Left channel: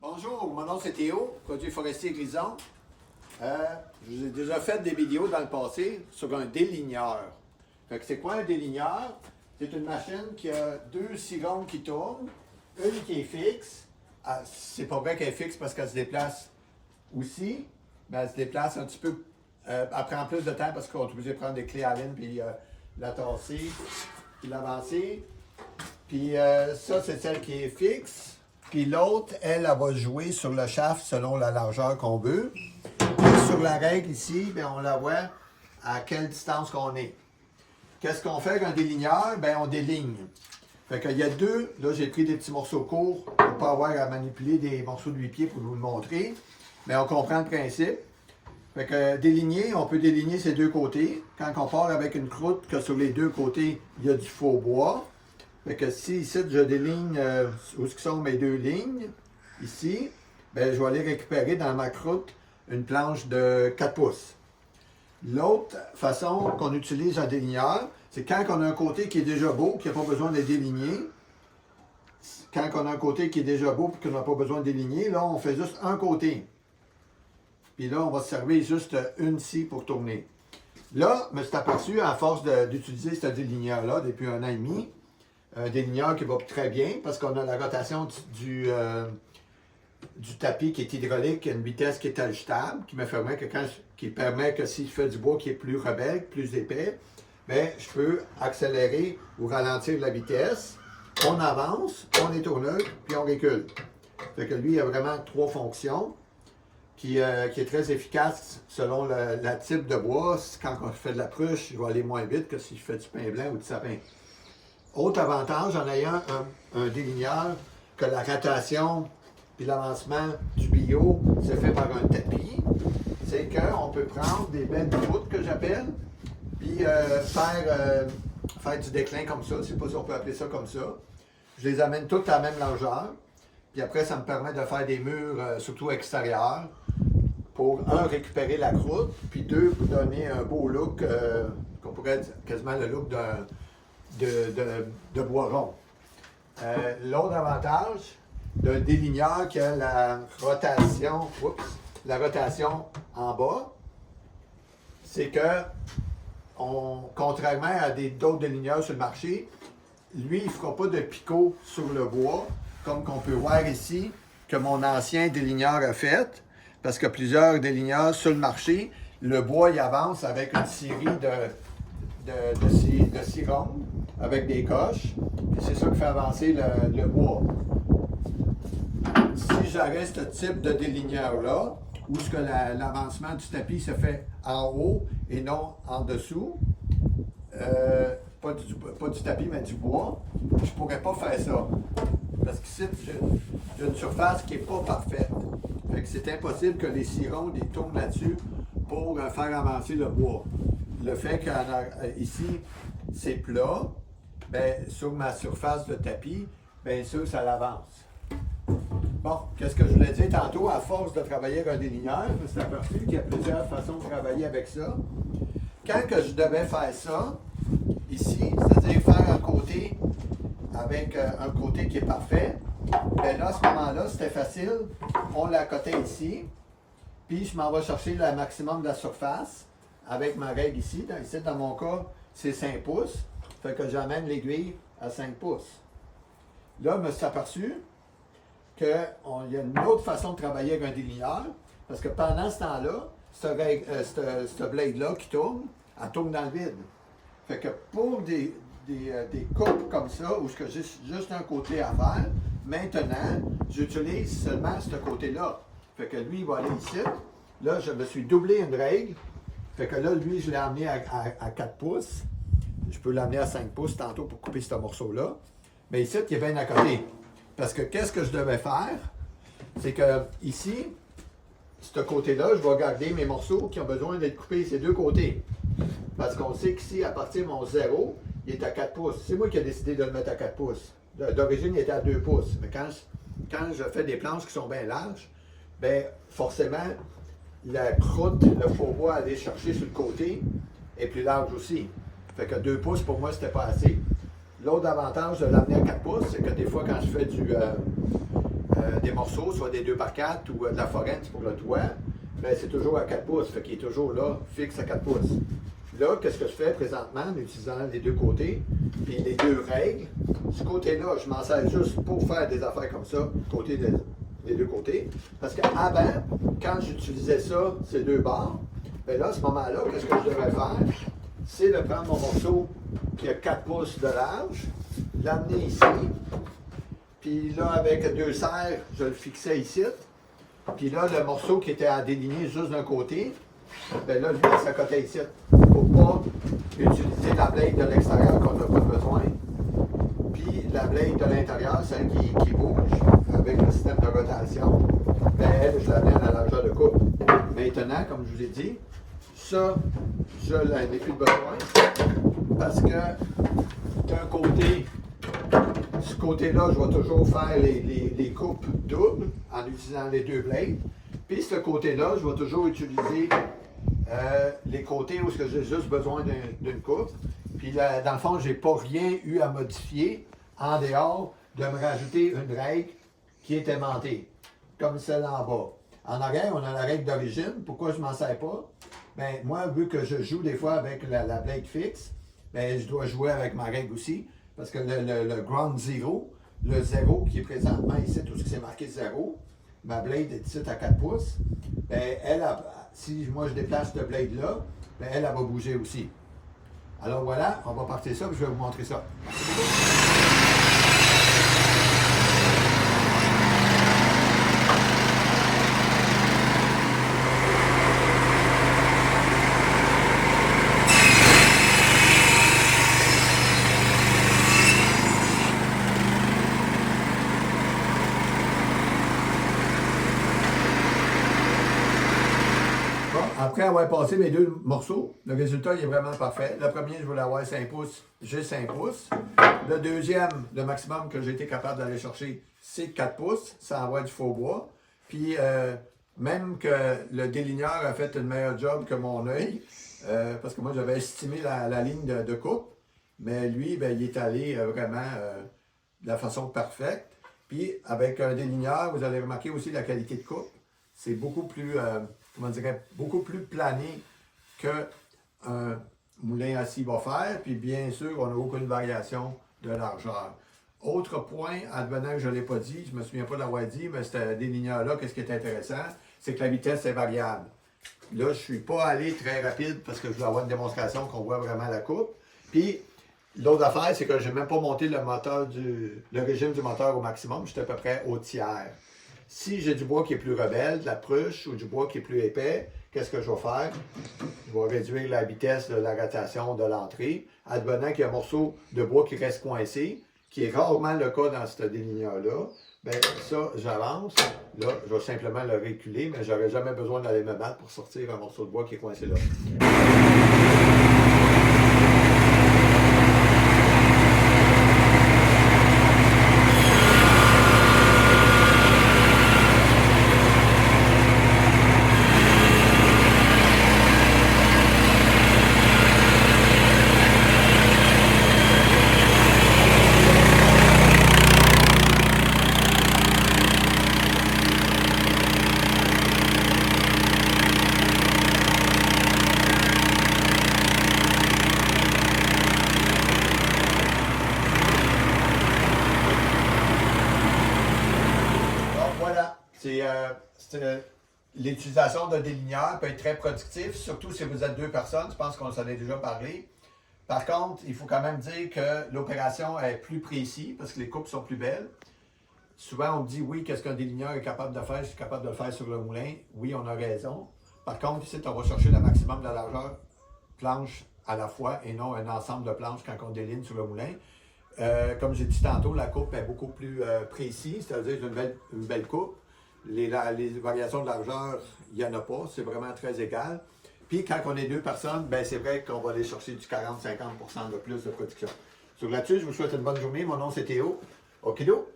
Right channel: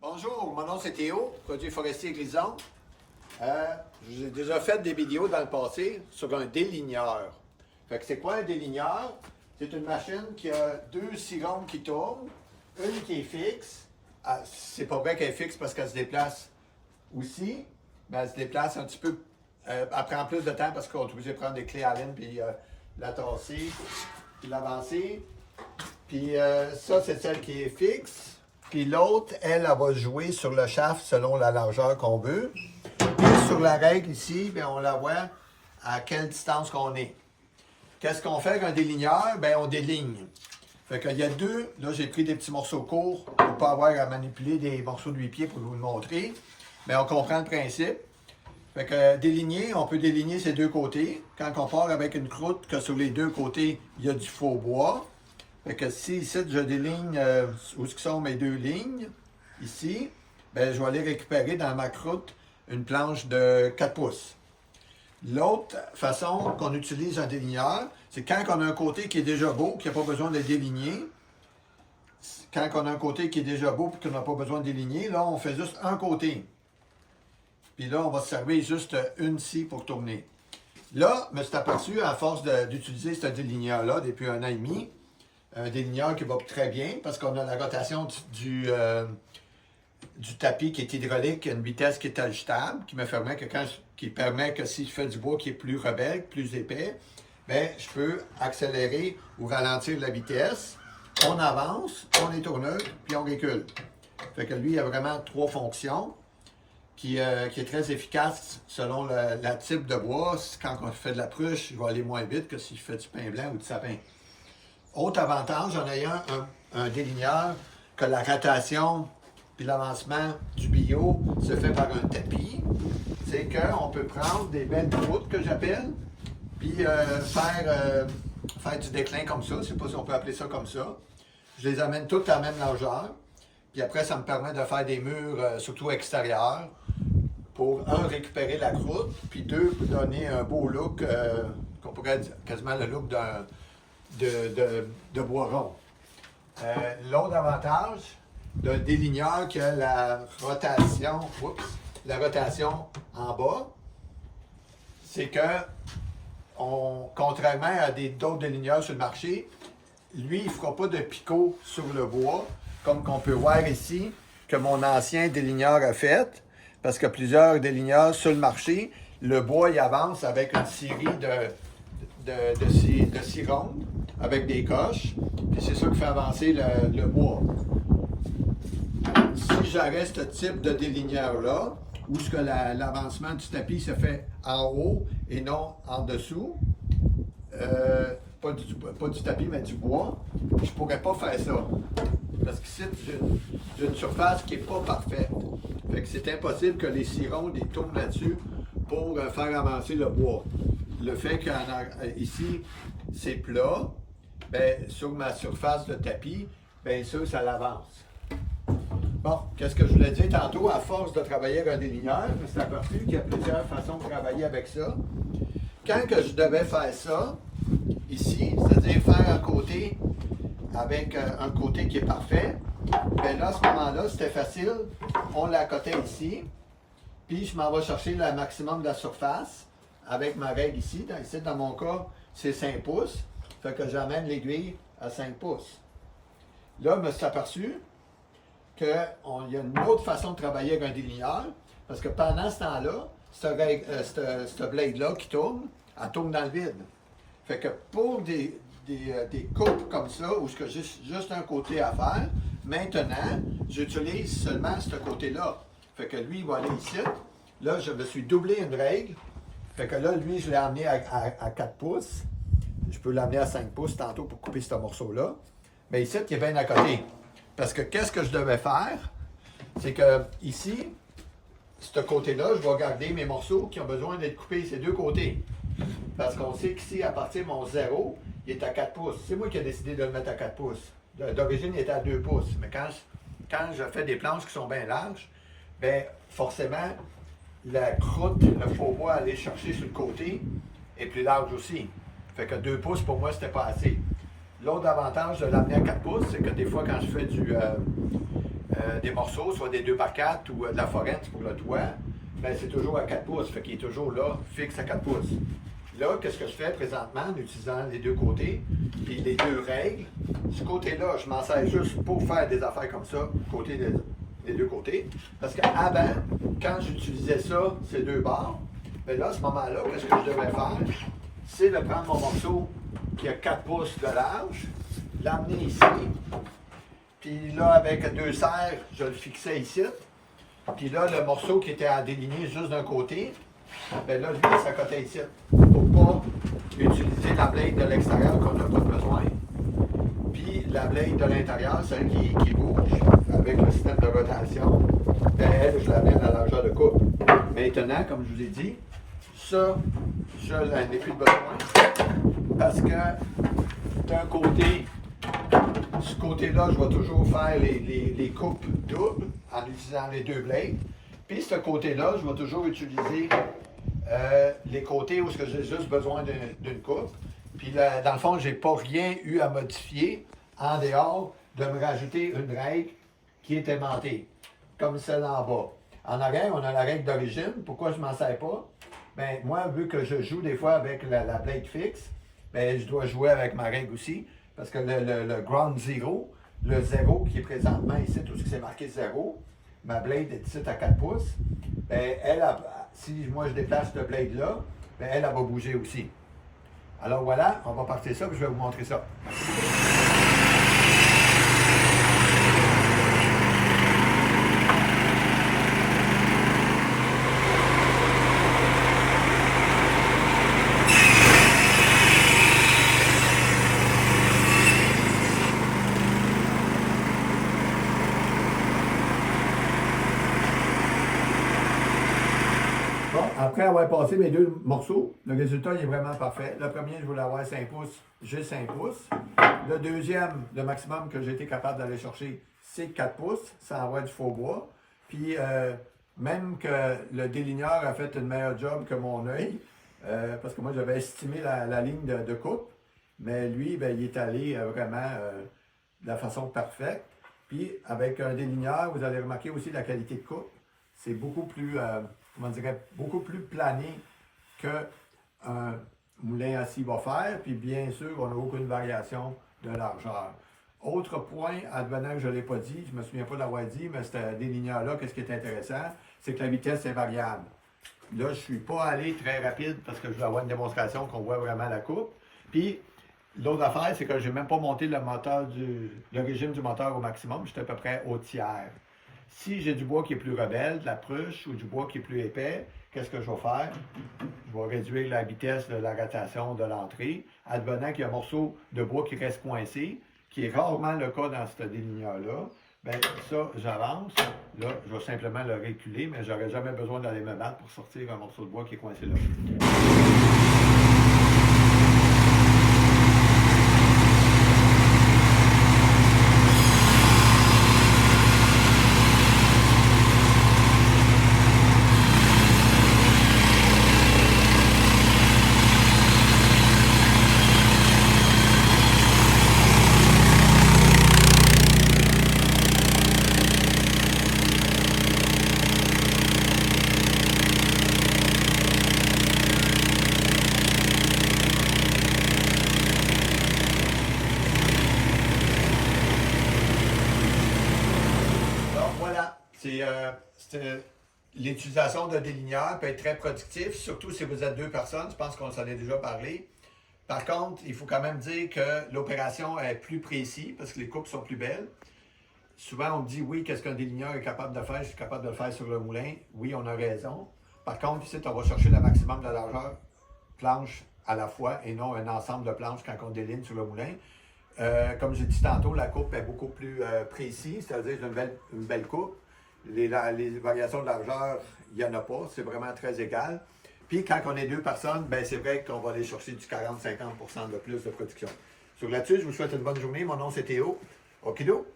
Bonjour, mon nom c'est Théo, produit forestier Grison. J'ai déjà fait des vidéos dans le passé sur un déligneur. Fait que c'est quoi un déligneur? C'est une machine qui a deux cirons qui tournent, une qui est fixe. C'est pas vrai qu'elle est fixe parce qu'elle se déplace aussi, mais elle se déplace un petit peu. Elle prend plus de temps parce qu'on est obligé de prendre des clés Allen puis la tasser, puis l'avancer. Puis ça, c'est celle qui est fixe. Puis l'autre, elle va jouer sur le shaft selon la largeur qu'on veut. Et sur la règle ici, bien, on la voit à quelle distance qu'on est. Qu'est-ce qu'on fait avec un déligneur? Bien, on déligne. Fait qu'il y a deux, là j'ai pris des petits morceaux courts pour ne pas avoir à manipuler des morceaux de 8 pieds pour vous le montrer. Mais on comprend le principe. Fait que déligner, on peut déligner ces deux côtés. Quand on part avec une croûte, que sur les deux côtés, il y a du faux bois. Fait que si ici, je déligne où sont mes deux lignes, ici, bien, je vais aller récupérer dans ma croûte une planche de 4 pouces. L'autre façon qu'on utilise un déligneur, c'est quand on a un côté qui est déjà beau, qui n'a pas besoin de déligner. Quand on a un côté qui est déjà beau et qu'on n'a pas besoin de déligner, là, on fait juste un côté. Puis là, on va se servir juste une scie pour tourner. Là, je me suis aperçu, à force d'utiliser ce déligneur-là depuis 1 an et demi, un déligneur qui va très bien parce qu'on a la rotation du tapis qui est hydraulique, une vitesse qui est ajustable, qui permet que si je fais du bois qui est plus rebelle, plus épais, bien, je peux accélérer ou ralentir la vitesse. On avance, on est tourneux, puis on recule. Fait que lui, il a vraiment 3 fonctions qui est très efficace selon le type de bois. Quand on fait de la pruche, il va aller moins vite que si je fais du pin blanc ou du sapin. Autre avantage en ayant un déligneur, que la rotation puis l'avancement du bio se fait par un tapis, c'est qu'on peut prendre des belles croûtes que j'appelle, puis faire du déclin comme ça. Je ne sais pas si on peut appeler ça comme ça. Je les amène toutes à la même largeur. Puis après, ça me permet de faire des murs, surtout extérieurs, pour récupérer la croûte, puis 2, pour donner un beau look, qu'on pourrait dire quasiment le look de bois rond. L'autre avantage d'un déligneur qui a la rotation en bas, c'est que, contrairement à d'autres déligneurs sur le marché, lui, il ne fera pas de picot sur le bois, comme qu'on peut voir ici, que mon ancien déligneur a fait, parce que plusieurs déligneurs sur le marché, le bois, il avance avec une série de cirons avec des coches, puis c'est ça qui fait avancer le bois. Si j'arrête ce type de déligneur-là, où ce que l'avancement du tapis se fait en haut et non en dessous, pas du tapis, mais du bois, je ne pourrais pas faire ça. Parce qu'ici, j'ai une surface qui n'est pas parfaite. Fait que c'est impossible que les cirons tournent là-dessus pour faire avancer le bois. Le fait qu'ici, c'est plat, bien, sur ma surface de tapis, bien sûr, ça l'avance. Bon, qu'est-ce que je voulais dire tantôt? À force de travailler avec un déligneur, je me suis aperçu qu'il y a plusieurs façons de travailler avec ça. Quand que je devais faire ça, ici, c'est-à-dire faire un côté avec un côté qui est parfait, bien là, à ce moment-là, c'était facile. On l'accotait ici, puis je m'en vais chercher le maximum de la surface avec ma règle ici. Ici, dans mon cas, c'est 5 pouces. Fait que j'amène l'aiguille à 5 pouces. Là, je me suis aperçu qu'il y a une autre façon de travailler avec un déligneur, parce que pendant ce temps-là, cette blade-là qui tourne, elle tourne dans le vide. Fait que pour des coupes comme ça, où j'ai juste un côté à faire, maintenant, j'utilise seulement ce côté-là. Fait que lui, il va aller ici. Là, je me suis doublé une règle. Fait que là, lui, je l'ai amené à 4 pouces. Je peux l'amener à 5 pouces tantôt pour couper ce morceau-là. Mais ici, il est bien à côté. Parce que qu'est-ce que je devais faire? C'est que ici, ce côté-là, je vais garder mes morceaux qui ont besoin d'être coupés ces deux côtés. Parce qu'on sait qu'ici, à partir de mon 0, il est à 4 pouces. C'est moi qui ai décidé de le mettre à 4 pouces. D'origine, il était à 2 pouces. Mais quand je fais des planches qui sont bien larges, bien, forcément, la croûte, le faux bois à aller chercher sur le côté est plus large aussi. Fait que 2 pouces, pour moi, c'était pas assez. L'autre avantage de l'amener à 4 pouces, c'est que des fois, quand je fais des morceaux, soit des 2x4 ou de la forêt pour le toit, ben, c'est toujours à 4 pouces, fait qu'il est toujours là, fixe à 4 pouces. Là, qu'est-ce que je fais présentement en utilisant les deux côtés, puis les deux règles. Ce côté-là, je m'en sers juste pour faire des affaires comme ça, des deux côtés. Parce qu'avant, quand j'utilisais ça, ces deux barres, bien là, à ce moment-là, qu'est-ce que je devrais faire? C'est de prendre mon morceau qui a 4 pouces de large, l'amener ici, puis là, avec deux serres, je le fixais ici. Puis là, le morceau qui était en déligné juste d'un côté, bien là, lui, ça cotait ici. Pour ne pas utiliser la blade de l'extérieur qu'on n'a pas besoin. Puis la blade de l'intérieur, celle qui bouge avec le système de rotation, bien, elle, je l'amène à largeur de coupe. Maintenant, comme je vous ai dit, ça, je n'en ai plus besoin parce que d'un côté, ce côté-là, je vais toujours faire les coupes doubles en utilisant les deux blades. Puis ce côté-là, je vais toujours utiliser les côtés où j'ai juste besoin d'une coupe. Puis là, dans le fond, je n'ai pas rien eu à modifier en dehors de me rajouter une règle qui est aimantée, comme celle en bas. En arrière, on a la règle d'origine. Pourquoi je ne m'en sers pas? Bien, moi, vu que je joue des fois avec la blade fixe, bien, je dois jouer avec ma règle aussi. Parce que le ground zero, le 0 qui est présentement ici, tout ce qui s'est marqué 0, ma blade est ici à 4 pouces, bien, si moi je déplace cette blade-là, bien, elle va bouger aussi. Alors voilà, on va partir ça, puis je vais vous montrer ça. Bon, après avoir passé mes deux morceaux, le résultat il est vraiment parfait. Le premier, je voulais avoir 5 pouces, j'ai 5 pouces. Le deuxième, le maximum que j'ai été capable d'aller chercher, c'est 4 pouces, sans avoir du faux bois. Puis, même que le déligneur a fait une meilleure job que mon œil, parce que moi, j'avais estimé la ligne de coupe, mais lui, ben, il est allé vraiment de la façon parfaite. Puis, avec un déligneur, vous allez remarquer aussi la qualité de coupe. C'est beaucoup plus, comment dirais, beaucoup plus plané qu'un moulin assis va faire. Puis, bien sûr, on n'a aucune variation de largeur. Autre point, advenant que je ne l'ai pas dit, je ne me souviens pas d'avoir dit, mais c'était des ligneurs-là, qu'est-ce qui est intéressant, c'est que la vitesse est variable. Là, je ne suis pas allé très rapide parce que je voulais avoir une démonstration qu'on voit vraiment la coupe. Puis, l'autre affaire, c'est que je n'ai même pas monté le régime du moteur au maximum, j'étais à peu près au tiers. Si j'ai du bois qui est plus rebelle, de la pruche ou du bois qui est plus épais, qu'est-ce que je vais faire? Je vais réduire la vitesse de la rotation de l'entrée, advenant qu'il y a un morceau de bois qui reste coincé, qui est rarement le cas dans ce déligneur-là. Bien, ça, j'avance. Là, je vais simplement le reculer, mais je n'aurai jamais besoin d'aller me battre pour sortir un morceau de bois qui est coincé là. Voilà, l'utilisation d'un déligneur peut être très productif, surtout si vous êtes deux personnes, je pense qu'on s'en est déjà parlé. Par contre, il faut quand même dire que l'opération est plus précise parce que les coupes sont plus belles. Souvent, on dit oui, qu'est-ce qu'un déligneur est capable de faire? Je suis capable de le faire sur le moulin. Oui, on a raison. Par contre, ici, on va chercher le maximum de largeur planche à la fois et non un ensemble de planches quand on déligne sur le moulin. Comme j'ai dit tantôt, la coupe est beaucoup plus précise, c'est-à-dire une belle coupe. Les variations de largeur, il n'y en a pas, c'est vraiment très égal. Puis quand on est deux personnes, ben c'est vrai qu'on va aller chercher du 40-50% de plus de production. Sur là-dessus, je vous souhaite une bonne journée. Mon nom c'est Théo. Okido!